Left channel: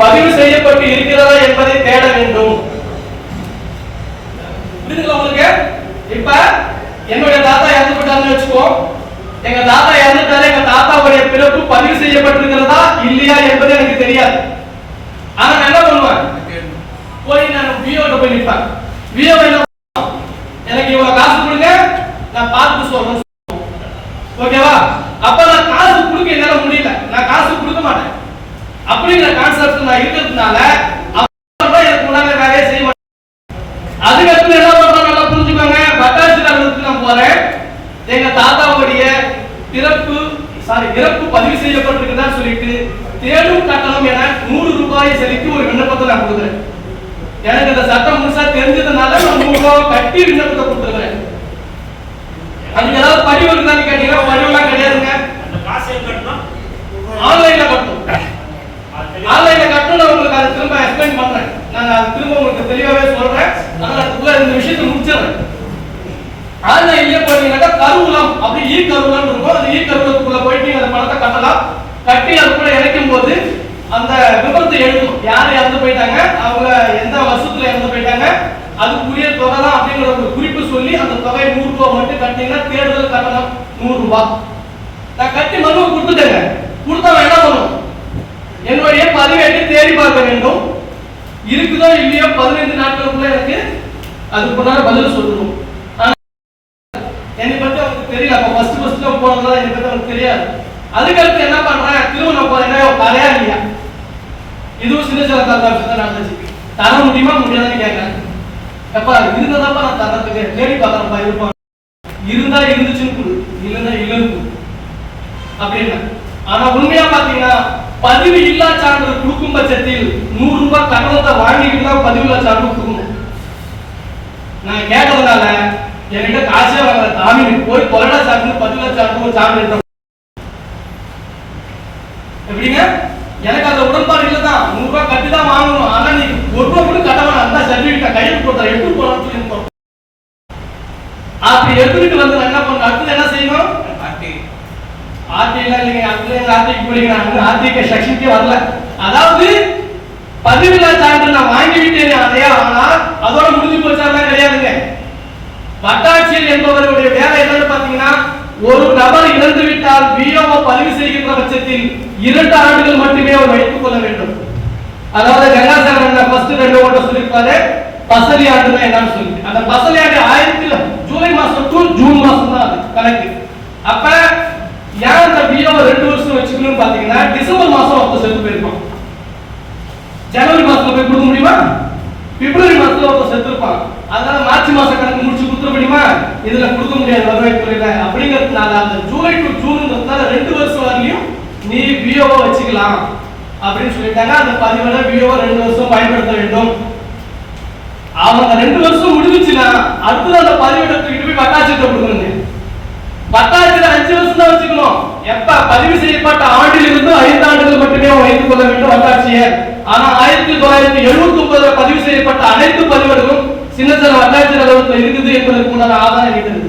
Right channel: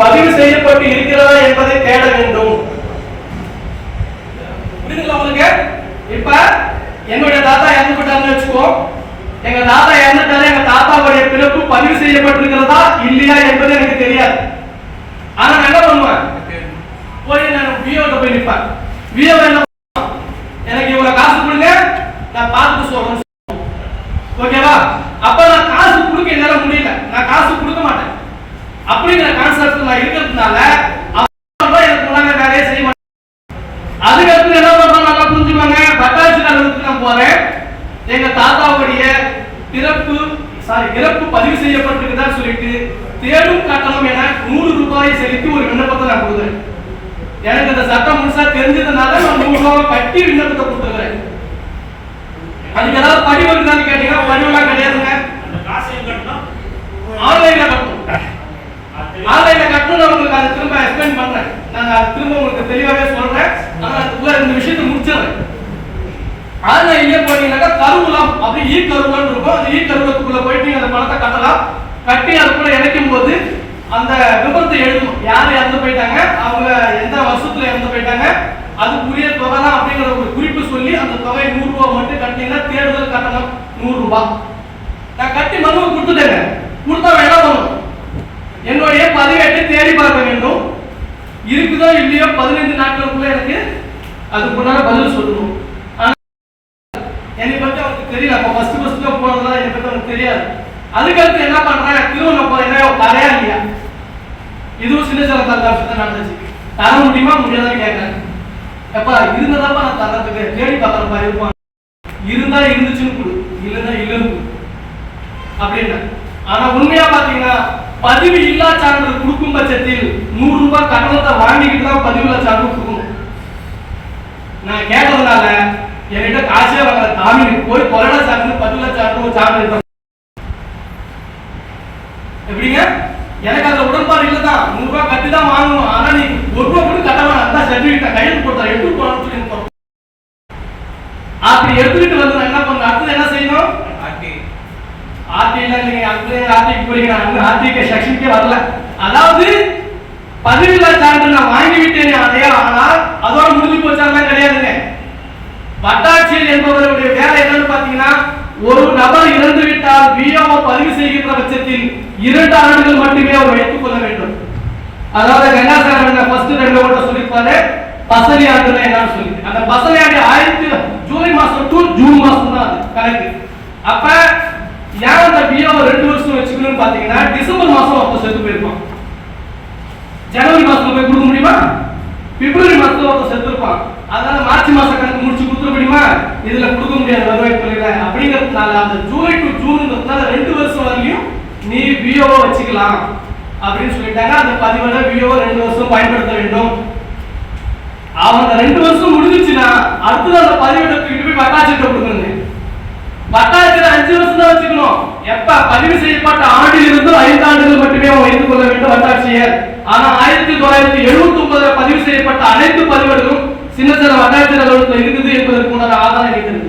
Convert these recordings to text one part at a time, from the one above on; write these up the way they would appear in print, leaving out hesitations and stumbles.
பதிவு செய்யப்பட்டு இருக்கிறதா என்பதை தேட வேண்டும். புரியுதுங்களா உங்களுக்கு? இப்ப என்னுடைய தாத்தா இறந்து போட்டாருன்னு வச்சுக்கோ. எங்க தாத்தா இறந்துட்டாரு, எங்க தாத்தாவுடைய பிறப்பு பதிவு செய்யப்பட்டிருக்கிறதா இல்லையா என்பது எனக்கு தெரியாது. ஆனா நான் என்ன பண்ணுவேன், போய் நான் விஓட்ட போய் நிற்பேன். விஓ என்ன, எனக்கு இவ்வளவு காசு கொடுங்க, நான் பார்த்துட்டு சொல்றேன். ஓகேவா? அப்ப நான் காசு கொடுக்க என்னால முடியல, நான் காசு கொடுக்க மாட்டேன் அப்படிங்கிற கான்செப்ட் நான் இருக்கிறதுனால எனக்கு முன்னாங்க வேலையே செய்ய மாட்டேன். அதுக்கடுத்து என்ன பண்றோம் நல்லா புரிஞ்சுக்கோங்க. பட்டாட்சியருக்கு நான் போறேன், எங்க தாத்தாவுடைய இறப்பு பதிவு செய்யப்பட்டிருக்குதான்னு சொல்லிட்டு தேடும் கட்டணம் என 100 ரூபாயை செலுத்தி ஒரு விண்ணப்பத்தை நான் கொடுக்குறேன். எனக்கு இந்த சட்டம் முழுசா தெரிஞ்சதுனால நான் 100 ரூபாய் கட்டி விண்ணப்பத்தை கொடுத்துருக்கிறேன். அதுக்கு ஏதாவது பதிவு இருக்குதான்னு கேட்டீங்கன்னா பதிவுலாம் கிடையாதுங்க. ஆன்லைன்ல கட்டணும். ஆன்லைன்ல கட்டணும். நான் உங்களுக்கு அதை திரும்ப எக்ஸ்பிளைன் பண்றேன். நான் திரும்ப உங்களுக்கு தெளிவாகவே சொல்றேன். ஆனால் இந்த விஷயத்தை முடிச்சிடறேன். ஆன்லைன்லயே போனீங்கன்னா கருவூலம் அப்படி கருவூலம் இருக்கும். அந்த கருவூலத்துக்குள்ள போயிட்டு நீங்க அந்த பணத்தை கட்டலாம். கட்டி அதுக்குள்ள இணைக்கும் போது அந்த விபரத்தை எழுதும். யாரு இறந்து போயிட்டாங்க, அவங்க எந்த வருஷத்துல இறந்து போயிட்டாங்க, அதுக்குரிய தொகை தான் அப்படிங்கிற ஒரு குறிப்பு சொல்லி அந்த தொகை 100 ரூபாய் மட்டும் கட்டினா தேர்தல் கட்டணம் 100 ரூபாய். நான் கட்டி மனுவை கொடுத்துட்டேங்க. கொடுத்தா என்ன பண்ணணும், என்னுடைய பதிவேட்டை தேடி பார்க்க வேண்டும். இருக்குதோ இல்லையோ 15 நாட்களுக்குள்ள எனக்கு அதுக்குண்டான பதில் சொல்லணும். என்னை பத்தி அவருக்கு தெரியல. அப்ப ஃபர்ஸ்ட் போனதுதான் என்னை பத்தி அவருக்கு தெரியாது. அதுக்கடுத்து என்ன பண்றேன், திருமணம் போறேன், தரையா இல்லையா, இதுவும் சின்ன சில விஷயத்த நடந்துச்சு. தர முடியுமா முடியாதுன்னு கேட்கறேன். எப்பா இருந்ததாப்பா நான் தரத்துக்கு தேடி பார்க்கறப்பா இருப்பான். இருந்தா இருந்துச்சுன்னு கொடு, இல்லைன்னா இல்லைன்னு கொடு அப்படின்னா. ஆனா உண்மையா பாத்தீங்கன்னா பதிவு இல்லா சான்றிதழ் கொடுக்கும் பட்சத்தில் 100 ரூபாய் கட்டணத்தை வாங்கிட்டு தான் பதிவுள்ள சான்றிதழ் கொடுக்கணும். நான் கேட்டதுனால என்கிட்ட காசே வாங்கல. தாமி போய் கொரோனா சான்றிதழ் பதிவுள்ள சான்றிதழ் எப்படிங்க, எனக்கு அந்த உடன்பாடு இல்லை தான். 100 ரூபாய் கட்டி தான் வாங்கணும். ஆனா நீ 1 ரூபாய் கூட கட்ட வேணாம், அந்த சர்டிபிகேட் கையில் போட்டா எப்படி போகலாம் சொல்லி அப்படி எடுத்துக்கிட்டு வந்து என்ன பண்ண, அடுத்து என்ன செய்யணும், ஆர்டில நீங்க ஆர்டிக்கு போறீங்க, ஆர்டிக்கு செக்ஷனுக்கே வரல. அதாவது பதிவில்லா சான்று நான் வாங்கி விட்டேன் அதே, ஆனால் அதோட முடிஞ்சு போச்சாலாம் கிடையாதுங்க. வட்டாட்சியர் என்பவருடைய வேலை என்னன்னு பாத்தீங்கன்னா, ஒரு நபர் இறந்து விட்டால் விஓ பதிவு செய்கின்ற பட்சத்தில் 2 ஆண்டுகள் மட்டுமே அவர் வைத்துக் கொள்ள வேண்டும். அதாவது கங்காசாமி ஃபர்ஸ்ட் 2 ஓட்ட சொல்லிருப்பாரு பசலி ஆண்டு என்னன்னு சொல்லி. அந்த பசலி ஆண்டு ஜூலை மாசம் டு ஜூன் மாசம் தான் அது கணக்கு. அப்ப ஏன் அந்த விஓ 2 வருஷம் வச்சுக்கணும்னு பாத்தீங்கன்னா, டிசம்பர் மாசம் ஒருத்தர் செத்து போயிருப்பான், ஜனவரி மாசத்துல போய் கொடுக்க முடியுமா, பிப்ரவரி மாசத்துல ஒருத்தர் செத்து இருப்பான், அதனால மார்ச் மாசம் கணக்கு முடிச்சு கொடுத்துட முடியுமா, இதுல கொடுக்க முடியாது வருவாய்த்துறையில. அப்படிங்கிறதுனால அந்த ஜூலை டு ஜூன்ங்கிறதுனால 2 வருஷம் வரையும் நீ விஓ வச்சுக்கலாம் அப்படின்னு சொல்லிட்டாங்க. அந்த பதிவுல விஓ 2 வருஷம் பயன்படுத்த வேண்டும். அவங்க 2 வருஷம் முடிஞ்சிச்சுன்னா அடுத்தது அந்த பதிவேட்டை தூக்கிட்டு போய் வட்டாட்சியர்கிட்ட கொடுக்கணுங்க. வட்டாட்சியர் 5 வருஷம் தான் வச்சுக்கணும். எப்ப பதிவு செய்யப்பட்ட ஆண்டிலிருந்து 5 ஆண்டுகள் மட்டுமே வைத்துக் கொள்ள வேண்டும் வட்டாட்சியர். ஆனா 1979 பதிவு செய்யப்பட்ட அனைத்து பதிவேடுகளும் சின்ன சின்ன வட்டாட்சியர் அலுவலகத்தில் இருக்குது என்பதற்கு முன்னாடி ஆதாரம் இருக்கிறது.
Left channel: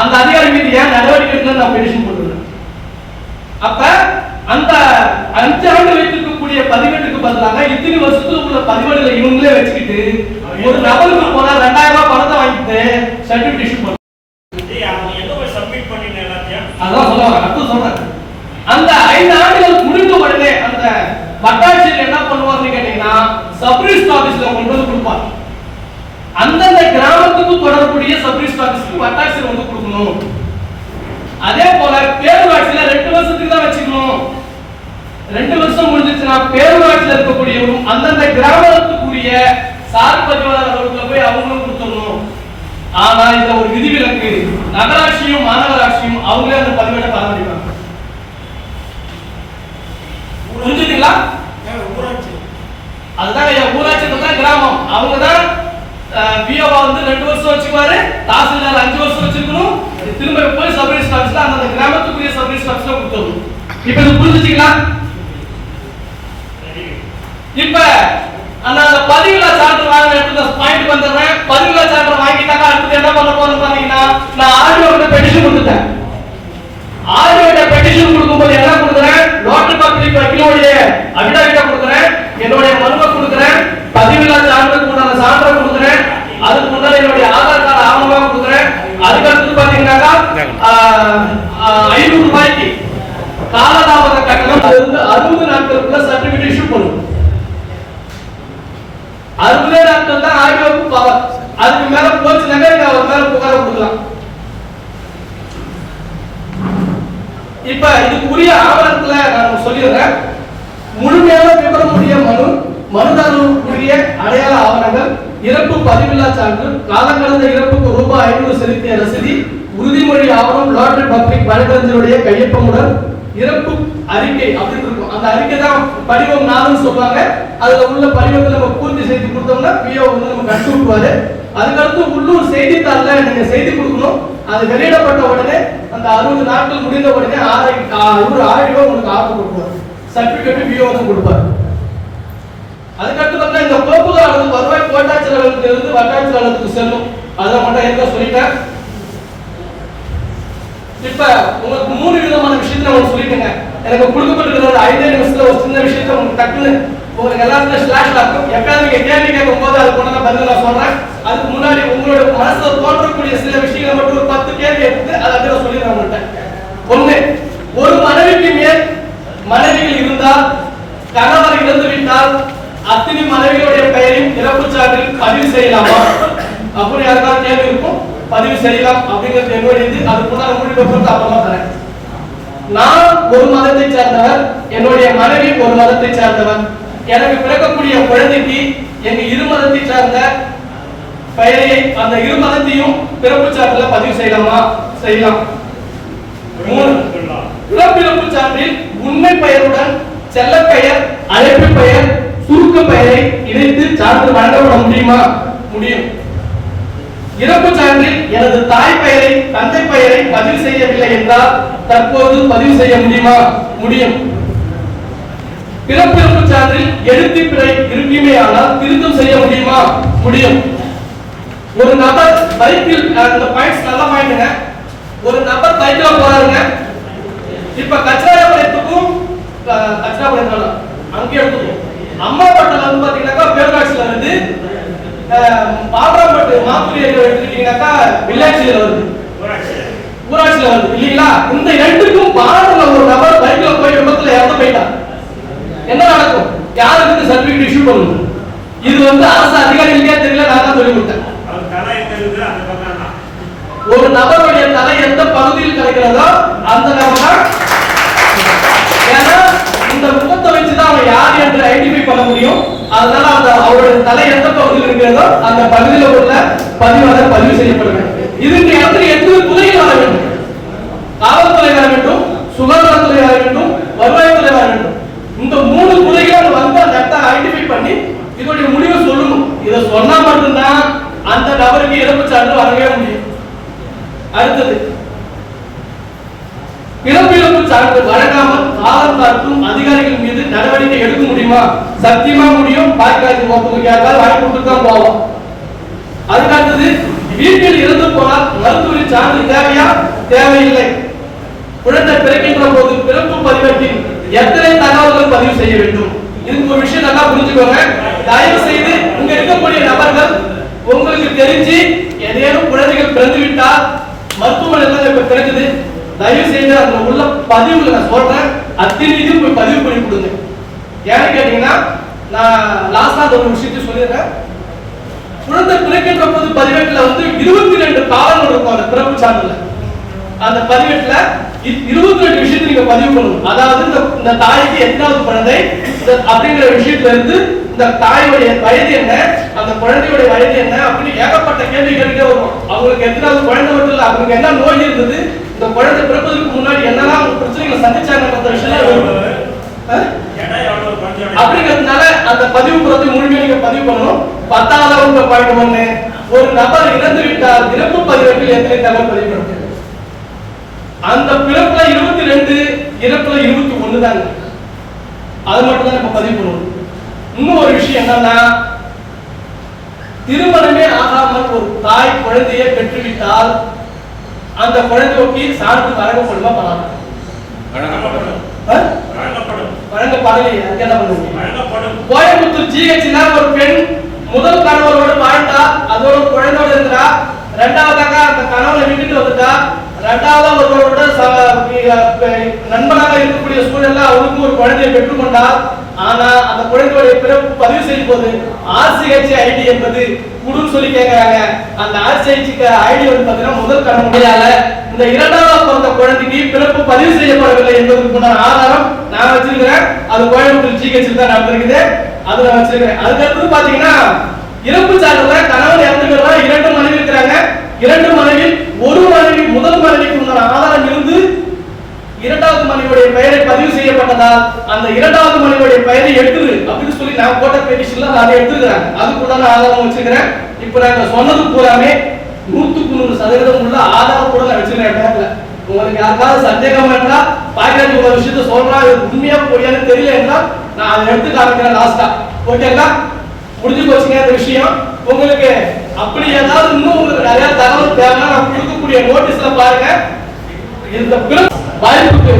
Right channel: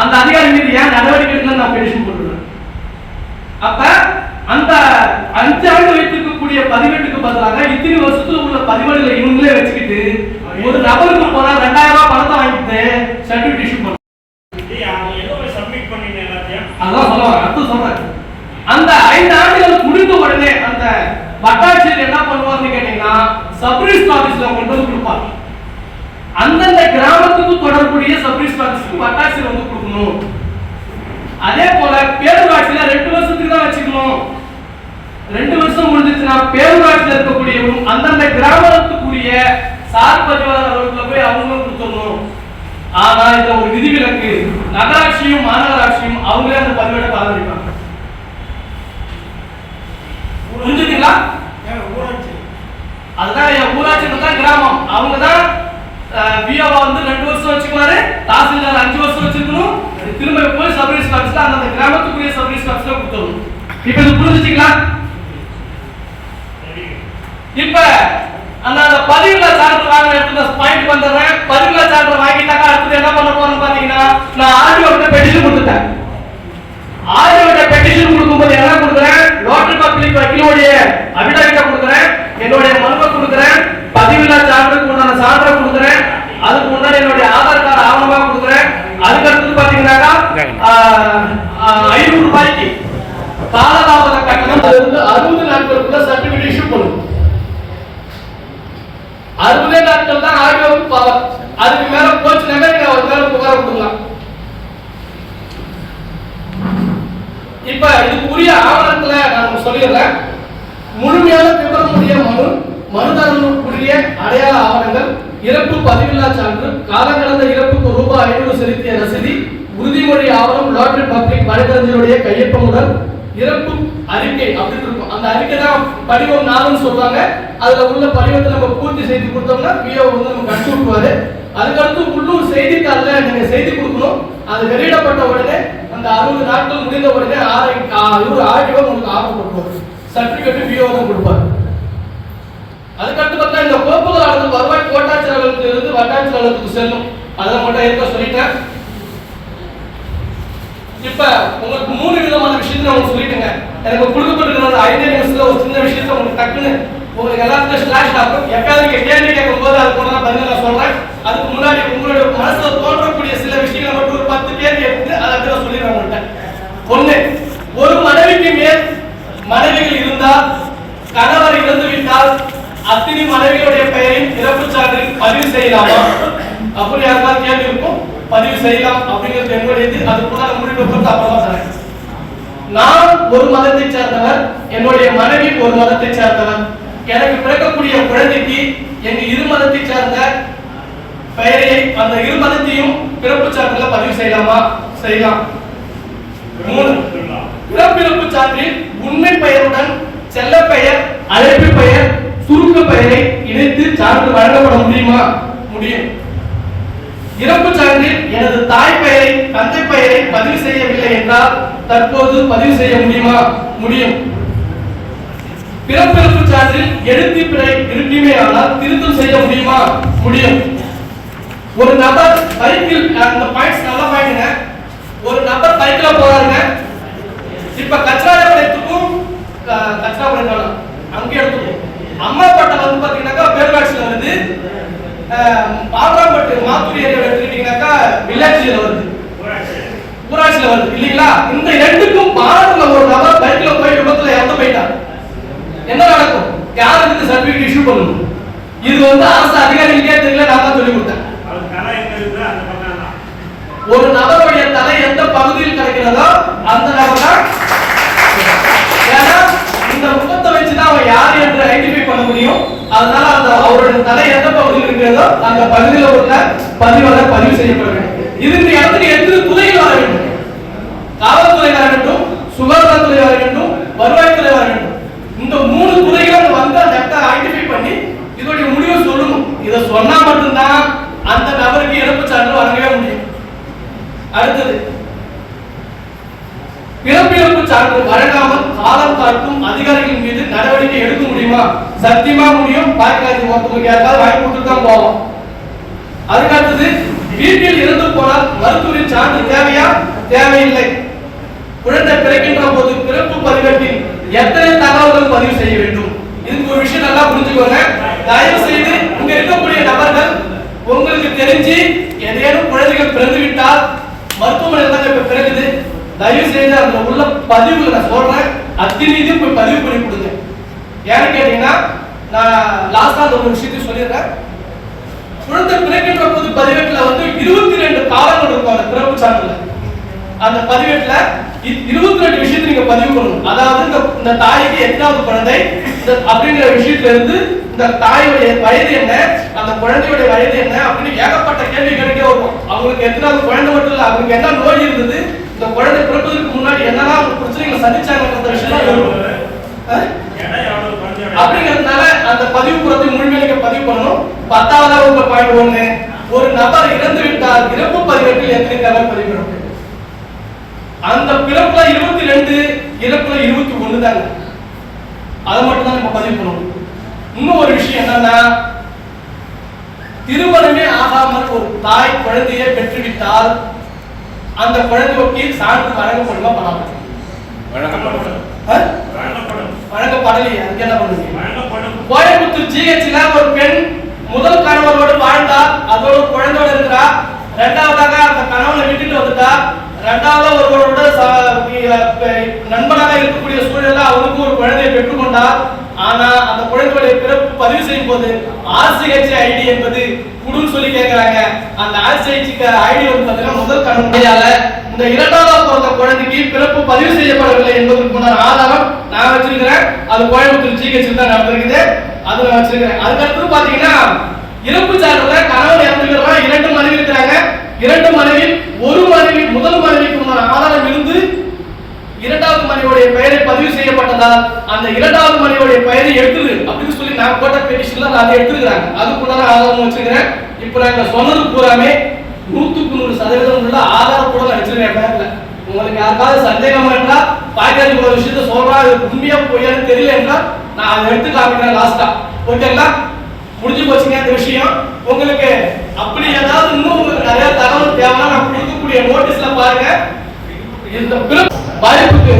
அந்த அதிகாரி மீது ஏன் நடவடிக்கை எடுக்கணும்னு நான் பெட்டிஷன் போட்டுருக்கேன். அப்ப அந்த 5 ஆண்டு வைத்திருக்கக்கூடிய பதிவேட்டுக்கு பதிலாக இத்தனை வருஷத்துல உள்ள பதிவேடுகளை இவங்களே வச்சுக்கிட்டு ஒரு நபருக்கு போனா 2000 ரூபாய் பணத்தை வாங்கிட்டு சர்டிபிகேட் இஷ்யூ பண்ண அதான் சொல்லுவாங்க. அடுத்து சொல்றேன், அந்த 5 ஆண்டுகள் முடிந்த உடனே அந்த வட்டாட்சியர் என்ன பண்ணுவார்னு கேட்டீங்கன்னா, சப்ரிஜிஸ்டர் ஆபீஸ்ல கொண்டு வந்து கொடுப்பாங்க. அந்தந்த கிராமத்துக்கு தொடர்புடைய சப்ரிஜிஸ்டர் ஆபீஸ்க்கு வட்டாட்சியர் வந்து கொடுக்கணும். அதே போல பேரூராட்சியில 2 வருஷத்துக்கு தான் வச்சுக்கணும். 2 வருஷம் முடிஞ்சிச்சுன்னா பேரூராட்சியில இருக்கக்கூடிய அந்தந்த கிராமத்துக்குரிய சார் பதிவாளர் அலுவலகத்துல போய் அவங்களும் கொடுத்துடணும். ஆனா இதுல ஒரு விதிவிலக்கு, நகராட்சியும் மாநகராட்சியும் அவங்களே அந்த பதிவேட்டை பராமரிப்பாங்க. புரிஞ்சுங்களா? அதுதான் ஊராட்சி தான் கிராமம். அவங்க தான் விஓவா வந்து 2 வருஷம் வச்சுக்குவாரு, தாசில்தார் 5 வருஷம் வச்சிருக்கணும். திரும்ப போய் சப்ரிஜிஸ்டர் ஆபீஸ்ல அந்த கிராமத்துக்குரிய சப்ரிஜிஸ்டர் ஆபீஸ்ல கொடுத்துடணும். இப்ப இது புரிஞ்சுங்களா? இப்ப அந்த பதிவுல சான்று வாங்கிட்டு பாயிண்ட் வந்துடுறேன். பதிவுல சான்று வாங்கிட்டாங்க, அடுத்து என்ன பண்ண போறேன்னு பாத்தீங்கன்னா, நான் ஆர்டிஓ பெட்டிஷன் கொடுத்துட்டேன். ஆர்டிஓ பெட்டிஷன் கொடுக்கும்போது என்ன கொடுக்குறேன், லோட்டல் பப்ளிக் வக்கீலுடைய அபிடாவிட்ட கொடுக்குறேன். என்னுடைய மனுவை கொடுக்குறேன், பதிவில்லா சான்றுக்கு உண்டான சான்றை கொடுக்குறேன், அதுக்கு முன்னாடி என்னுடைய ஆதார் கார்டு ஆவணமா கொடுக்குறேன். அதுக்கு அடுத்து பாத்தீங்கன்னாக்கா 500 ரூபாய்க்கு காலதாமத கட்டணம் 60 நாட்களுக்குள்ள சர்டிபிகேட் இஷ்யூ பண்ணும். 60 நாட்கள் தான் ஆர்டிஓக்கு பவர். அதுக்கு மேல போச்சுனாக்கா நீங்க அவர் மேல புகார் கொடுக்கலாம். இப்ப இதுக்கு உரிய ஆவணத்துல நான் சொல்லிடுறேன். முழுமையான விவரமுடைய மனுதாரருக்குரிய அடையாள ஆவணங்கள், இறப்பு பதிவில்லா சான்று, காலங்கடந்த இறப்புக்கு ரூபாய் 500 செலுத்திய ரசீதி, உறுதிமொழி ஆவணம், லாட்டரி பப்ளிக் வழக்கறிஞருடைய கையொப்பமுடன் இறப்பு அறிக்கை அப்படின்னு இருக்கும். அந்த அறிக்கை தான் படிவம் 4ன்னு சொல்லுவாங்க. அதுல உள்ள படிவத்தை நம்ம பூர்த்தி செய்து கொடுத்தோம்னா பிஓ வந்து நம்ம கஷ்ட விட்டுவாரு. அதுக்கடுத்து உள்ளூர் செய்தித்தாள்ல நீங்க செய்தி கொடுக்கணும். அது வெளியிடப்பட்ட உடனே அந்த 60 நாட்கள் முடிந்த உடனே ஆர்டிஓ உங்களுக்கு ஆர்டர் கொடுப்பாரு, சர்டிபிகேட் பிஓ தான் கொடுப்பாரு. அதுக்கடுத்து பார்த்தா இந்த கோப்புகள் வருவாய் கோட்டாட்சியர் அலுவலகத்திலிருந்து வட்டாட்சியர் அலுவலகத்துக்கு செல்லும். அதை மட்டும் இருக்க சொல்லிட்டேன். இப்ப உங்களுக்கு 3 விதமான விஷயத்தை நான் சொல்லிட்டேங்க. எனக்கு கொடுக்கப்பட்டிருக்கிற 5 நிமிஷத்துல ஒரு சின்ன விஷயத்தை உங்களுக்கு டக்குன்னு உங்களுக்கு எல்லாத்துக்கும் ஸ்லாஷ் ஆகும். எப்பயாவது நீங்க கேள்வி கேட்கும் போது அது போன பதில் நான் சொல்றேன். அதுக்கு முன்னாடி உங்களோட மனசுல தோன்றக்கூடிய சில விஷயங்களை மட்டும் ஒரு 10 கேள்வி எடுத்து அதை சொல்லிடுறேன் உங்கள்கிட்ட. 1, ஒரு மனைவிக்கு மேல் மனைவிகள் இருந்தால், கணவர் இறந்து விட்டால் அத்தனை மனைவியுடைய பெயரையும் இறப்பு சான்றில் பதிவு செய்யலாமா அப்படின்னு யாருக்காவது கேள்வி இருக்கும். பதிவு செய்யலாம் அப்படிங்கிறது என்னுடையது. அதுக்குள்ள முடிவு போட்டு அப்புறமா தரேன். நான் ஒரு மதத்தை சார்ந்தவர், என்னுடைய மனைவி ஒரு மதத்தை சார்ந்தவர். எனக்கு பிறக்கக்கூடிய குழந்தைக்கு எங்க இரு மதத்தை சார்ந்த பெயரை அந்த இரு மதத்தையும் பிறப்பு சான்றில் பதிவு செய்யலாமா? செய்யலாம். 3, பிறப்பிறப்பு சான்றில் உண்மை பெயருடன் செல்ல பெயர், அழைப்பு பெயர், சுருக்க பெயரை இணைத்து சான்று வழங்கப்பட முடியுமா? முடியும். இறப்பு சான்றில் எனது தாய் பெயரை, தந்தை பெயரை பதிவு செய்யவில்லை என்றால் தற்போது பதிவு செய்ய முடியுமா? முடியும். பிறப்பிறப்பு சான்றில் எழுத்து பிழை இருக்குமே ஆனால் திருத்தம் செய்ய முடியுமா? முடியும். ஒரு நபர் பைக்கில், அந்த பாயிண்ட்ஸ் நல்லா பாயிண்ட்ங்க. ஒரு நபர் பைக்ல போறாருங்க. இப்ப கச்சராபாளையத்துக்கும் கச்சராபாளையம் அங்கே எடுத்துக்கணும். அம்மாப்பட்டினம் வந்து பாத்தீங்கன்னாக்கா பேர்காட்சியில வருது. பாலராம்பட்டு மாத்தூர் ஏரியா எடுத்துக்கிட்டீங்கன்னாக்கா வில்லேஜ்ல வருது, ஊராட்சியில வருது இல்லீங்களா? இந்த ரெண்டுக்கும் பார்டர்ல ஒரு நபர் பைக்ல போய் விபத்துல இறந்து போயிட்டார். என்ன நடக்கும்? யாருக்கு சர்டிபிகேட் இஷ்யூ பண்ணணும்? இது வந்து அரசு அதிகாரிகளுக்கே தெரியல, நான் தான் சொல்லி கொடுத்தேன். ஒரு நபருடைய தலை எந்த பகுதியில் கிடைக்கிறதோ அந்த நபர் தான். ஏன்னா இந்த முகத்தை வச்சுதான் அவன் யார் என்று ஐடென்டிஃபை பண்ண முடியும். அதனால அந்த அவருடைய தலை எந்த பகுதியில் இருக்கிறதோ அந்த பகுதியில் உள்ள பதிவாளர் பதிவு செய்யப்பட வேண்டும். இது இந்த இடத்துல எத்தனை துறைகள் வர வேண்டும்? காவல்துறை வர வேண்டும், சுகாதாரத்துறை வர வேண்டும், வருவாய்த்துறை வர வேண்டும். இந்த 3 துறைகளும் வந்து அந்த இடத்தை ஐடென்டிஃபை பண்ணி இதோடைய முடிவை சொல்லணும். இதை சொன்னா மட்டும்தான் அந்த நபருக்கு இறப்பு சான்று வழங்கவே முடியும். அடுத்தது, பிறப்பிறப்பு சான்று வழங்காமல் காலம் காட்டும் அதிகாரிகள் மீது நடவடிக்கை எடுக்க முடியுமா? சத்தியமா முடியும். பாய்க்காய்ச்சி மொத்தம் யாருக்காவது வாங்கி கொடுத்துட்டு தான் போவோம். அதுக்கு அடுத்தது, வீட்டில் இறந்து போனால் மருத்துவரின் சான்று தேவையா? தேவையில்லை. குழந்தை பிறக்கின்ற போது பிறப்பு பதிவேட்டில் எத்தனை தகவல்கள் பதிவு செய்ய வேண்டும்? இதுக்கு ஒரு விஷயம் நல்லா புரிஞ்சுக்கோங்க. தயவு செய்து இங்க இருக்கக்கூடிய நபர்கள் உங்களுக்கு தெரிஞ்சு ஏதேனும் குழந்தைகள் பிறந்து விட்டால் மருத்துவமனையில் தான் இப்ப பிறகுது, தயவு செய்து அதுல உள்ள பதிவுல நான் சொல்றேன், அத்தனை இதுவும் போய் பதிவு பண்ணி கொடுங்க. ஏன்னு கேட்டீங்கன்னா நான் லாஸ்டா ஒரு விஷயத்தை சொல்லிடுறேன். குழந்தை பிறக்கின்ற போது பதிவேட்டில் வந்து 22 காலங்கள் இருக்கும் அந்த பிறப்பு சான்றுல. அந்த பதிவேட்டில் 22 விஷயத்தை நீங்க பதிவு பண்ணணும். அதாவது இந்த தாய்க்கு எத்தனாவது குழந்தை அப்படிங்கிற விஷயத்துல இருந்து இந்த தாயோடைய வயது என்ன, அந்த குழந்தையோட வயது என்ன அப்படின்னு ஏகப்பட்ட கேள்வி கேட்டுட்டே வரும். அவங்களுக்கு எத்தனாவது குழந்தை மட்டும் இல்ல, அவங்களுக்கு என்ன நோய் இருந்தது, இந்த குழந்தை பிறப்பதற்கு முன்னாடி என்னெல்லாம் பிரச்சனைகளை சந்திச்சாங்க விஷயம் வரும். அப்படிங்கிறதுனால அந்த பதிவு புறத்தை முழுமையாக நீங்க பதிவு பண்ணணும். 10வது பாயிண்ட் 1, ஒரு நபர் இறந்து விட்டால் இறப்பு பதிவேட்டில் எத்தனை தகவல் பதிவு பண்ணணும்? அந்த பிறப்புல 22, இறப்புல 21 தான். அதை மட்டும் தான் நம்ம பதிவு பண்ணணும். இன்னும் ஒரு விஷயம் என்னன்னா, திருமணமே ஆகாமல் ஒரு தாய் குழந்தையை பெற்றுவிட்டால் அந்த குழந்தைக்கு சான்று வழங்கப்படுமா? வழங்கப்படலையே. அதுக்கு என்ன பண்ணுவீங்க? கோயம்புத்தூர் ஜிஹெச்ல ஒரு பெண் முதல் கணவரோடு வாழ்ந்தா, அதோட குழந்தையோட இருக்கிறா. இரண்டாவதாக அந்த கணவனை விட்டுட்டு வந்துட்டா. இரண்டாவது ஒருவரோட நண்பனாக இருக்கக்கூடிய சூழல்ல அவனுக்கும் ஒரு குழந்தையை பெற்றுக்கொண்டார். ஆனா அந்த குழந்தையோட பிறப்பு பதிவு செய்யும் போது RCH ஐடி என்பது குடுன்னு சொல்லி கேட்கிறாங்க. அந்த RCH ஐடி வந்து பாத்தீங்கன்னா முதல் கணவனால இந்த இரண்டாவது பிறந்த குழந்தைக்கு பிறப்பு பதிவு செய்யப்படவில்லை என்பதற்கு முன்னாடி ஆதாரம் நான் வச்சிருக்கிறேன். அது கோயம்புத்தூர் ஜிஹெச் தான் நடந்திருக்குது. அது நான் வச்சிருக்கிறேன். அதுக்கடுத்து பாத்தீங்கன்னா இறப்பு சான்றுல கணவன் இறந்துக்கிறவங்க 2 மனைவி இருக்கிறாங்க. 2 மனைவி, ஒரு மனைவி முதல் மனைவிக்கு முன்னாடி ஆதாரம் இருந்து இரண்டாவது மனைவியுடைய பெயரை பதிவு செய்யப்பட்டதால் அந்த இரண்டாவது மனைவியுடைய பெயரை எடுத்துரு அப்படின்னு சொல்லி நான் போட்ட பெட்டிஷன்ல அதை எடுத்துக்கிறாங்க. அதுக்கு உண்டான ஆதாரம் வச்சிருக்கிறேன். இப்ப நாங்க சொன்னது பூராமே 100% உள்ள ஆதாரத்தோட நான் வச்சிருக்கேன் பேங்க்ல. உங்களுக்கு யாருக்காவது சந்தேகம் இருந்தா பாக்கெட் ஒரு விஷயத்த சொல்றா உண்மையா பொய்யான்னு தெரியல என்றால் நான் அதை எடுத்து காமிக்கிறேன் லாஸ்டா. ஓகேங்களா? முடிஞ்சு போச்சுங்க இந்த விஷயம். உங்களுக்கு அப்படி ஏதாவது இன்னும் உங்களுக்கு நிறைய தகவல் தேவைன்னா நான் கொடுக்கக்கூடிய நோட்டீஸ்ல பாருங்க. இந்த வாய்ப்புக்கு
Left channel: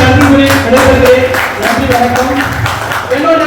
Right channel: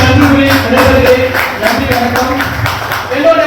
நன்றி கூறி விடைபெறுகிறேன். நன்றி, வணக்கம். என்னோட